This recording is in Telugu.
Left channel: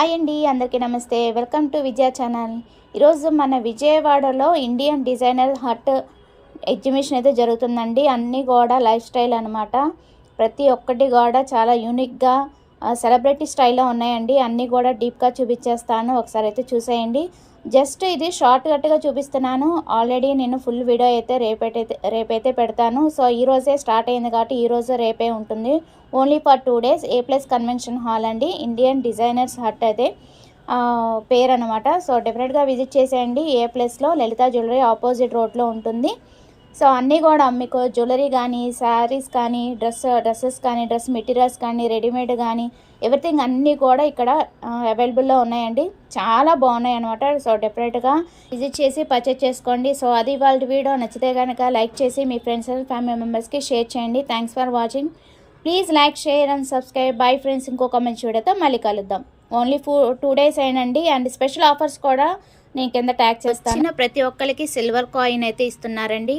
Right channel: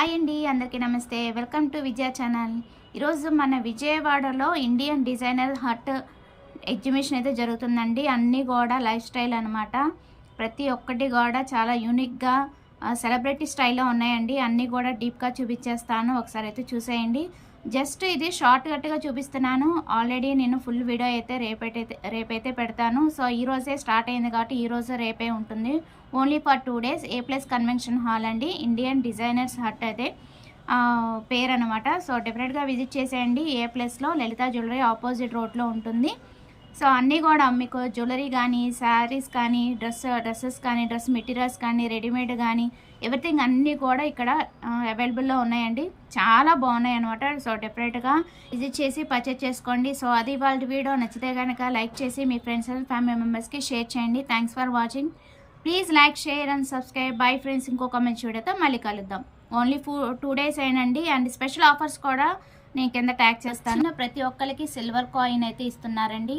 హాయ్ అండి, అందరికీ నమస్తే. Welcome to Vijaya channel. ఈరోజు మన విజయవాడలో ఇండియన్ డిజైనర్ హట్ ఎగ్జిబిషన్ అయితే జరుగుతుందండి. అన్నీ కూడా లైఫ్ స్టైల్ అనమాట. ప్రతి ఒక్కటి కూడా చాలా యూనిక్గా సెలబ్రిటీ స్టైల్లో ఉన్నాయండి. అన్నీ కూడా డీప్గా చూపించేస్తాను, ఒకసారి అయితే చూసేయండి. జస్ట్ ఇది షార్ట్ కట్గా చూపిస్తున్నాను. ఆల్రెడీ నేను ఫుల్ వీడియో అయితే రేపైతే పెడతాను. సో ఈరోజే స్టార్ట్ అయింది కాబట్టి ఈరోజు రేపే ఉంటుంది. Only for 2 days. A+ convention hall అండి, ఇండియన్ డిజైనర్స్ హట్ అయితే పేరు అనమాట. సో డెఫినెట్గా విజిట్ చేసేయండి. A+లో లలిత జ్యువెలరీ ఆపోజిట్ రోడ్లో ఉంటుంది. సో అన్నీ కూడా మీకు జ్యువెలరీ కానీ, శారీస్ కానీ, డ్రెస్సెస్ కానీ, డ్రెస్ మెటీరియల్స్ కానీ, రెడీమేడ్ కానీ, ఎవ్రీథింగ్ అన్నీ కూడా ఇక్కడ అవైలబుల్లో ఉన్నాయండి. చాలా బాగున్నాయి అనమాట. సో డెఫినెట్గా విజిట్ చేసి పర్చేస్ చేసుకోండి. సో అది వాళ్ళ వీడియో నచ్చితే కనుక లైక్ చేసి మీ ఫ్రెండ్స్ అండ్ ఫ్యామిలీ మెంబర్స్కి షేర్ చేయండి. Thanks for watching. Please like, share and subscribe. Bye friends, ఇంకొక మంచి వీడియోతో మళ్ళీ కలుద్దాం. ఓన్లీ 2 days అయినండి. అండ్ స్పెషల్ ఆఫర్స్ కూడా నేను కింద ట్యాగ్ చేస్తాను. ప్రతి ఒక్కరికి సిల్వర్ కాయిన్ అయితే ఇస్తున్నారండి.